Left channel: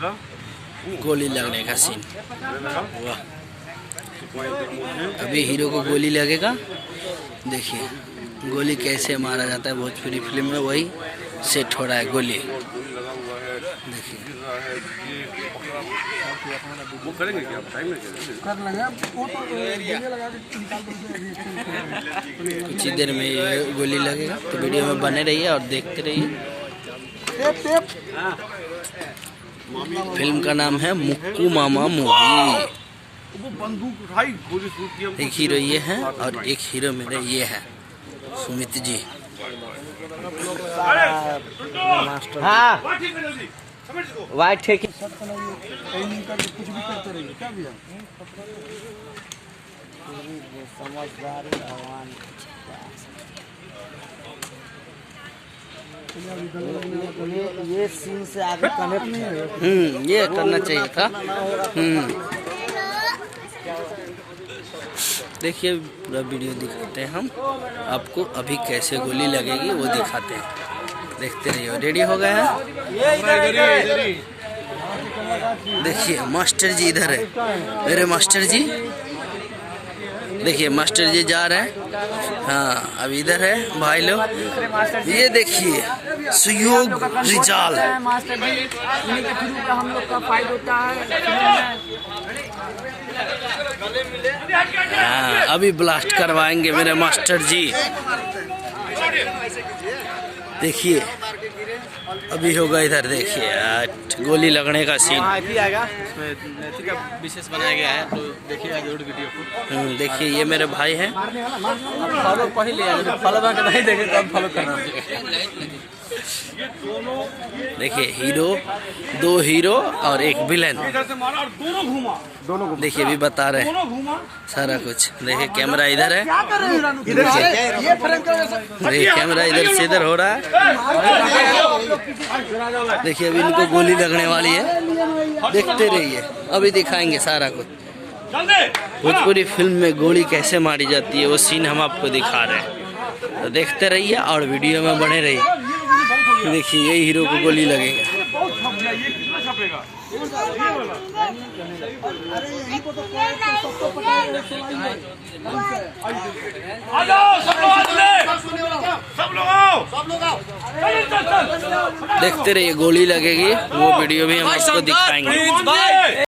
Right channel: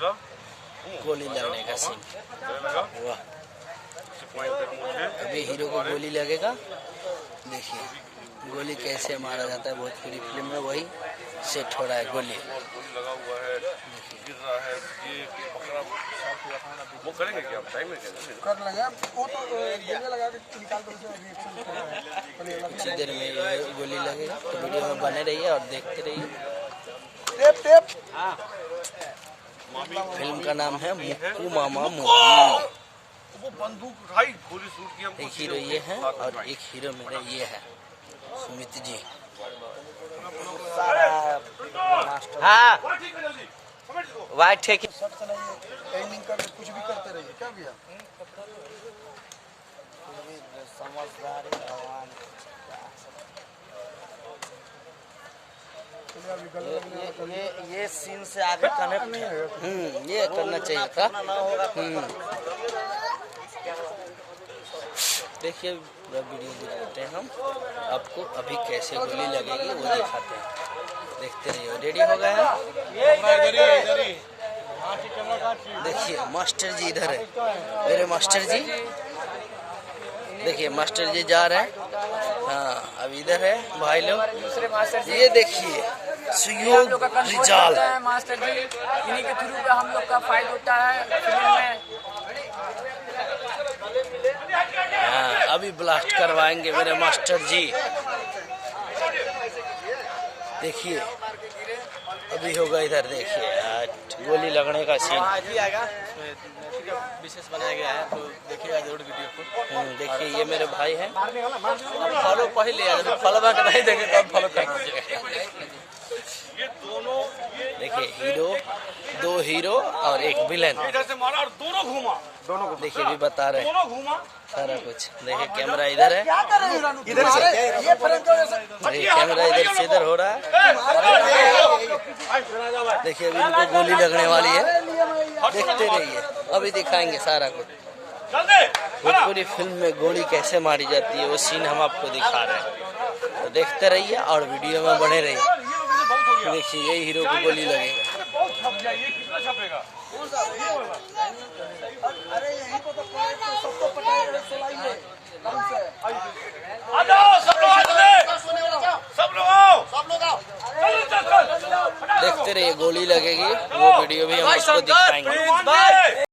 गोली लगने का सीन। वाह, अभी हीरो को गोली लगेगा। देखिए गोली कैसे मारा जाता है भोजपुरी फिल्म में, वही सेट हो रहा है गोली। देखिए कुछ ही देर में ये गोली लगेगा, तो वीडियो में बने रहिए और देखते रहिए। फिल्म का नाम है मुक्कू मामा मूवी। एक हीरो ये है और एक हीरो मेरे ये है सुमित जी। हाँ वाइट है कि कुछ भी करते रहिए क्या भैया समझदारी भगवान। ये सीन से आगे कनेक्ट है। ये करना चाहिए था। देखिए पूरा वीडियो दिखाते हैं हम आपको, अभी कैसे गोली लगेगी वो दिखाते हैं, देखते रहिए। रेडी हो गए हैं? देखिए मास्टर जी इधर है, मेरे मास्टर जी। देखिए मास्टर जी जा रहे हैं। हाँ अब इधर है भाई लोग, ये देखिए सुयोग रिजाल मास्टर जी, इन्हीं के थ्रू पे हम लोग का फाइट होता है। हाँ अभी ब्लास्ट करवाएंगे मेरे मास्टर जी। देखिए अभी होगा इधर, देखिए गोली लगने का सीन विशेष बनाया गया है, तो देखिए जरूर वीडियो को। देखिए ये मेरे भाई हैं। अब फॉलो पहले फॉलो बैक नहीं देंगे तो फॉलो करना। देखिए हीरो, दो हीरो और एक विलेन। देखिए अभी बता रहे हैं सारा कुछ। देखिए कैमरा इधर है, देखिए कैमरा इधर से इधर हो रहा है। देखिए अभी इनको गोली लगने वाली है, देखते रहिए अभी दिखाएंगे सारा कुछ। भोजपुरी फिल्म में गोली कैसे मारी जाती है वो सीन हम आपको दिखा रहे हैं, तो देखते रहिए और वीडियो में बने रहिए। देखिए यही हीरो को गोली लगेगा। देखते रहिए गोली लगेगी, वो वीडियो भी हम आपको दिखाएंगे।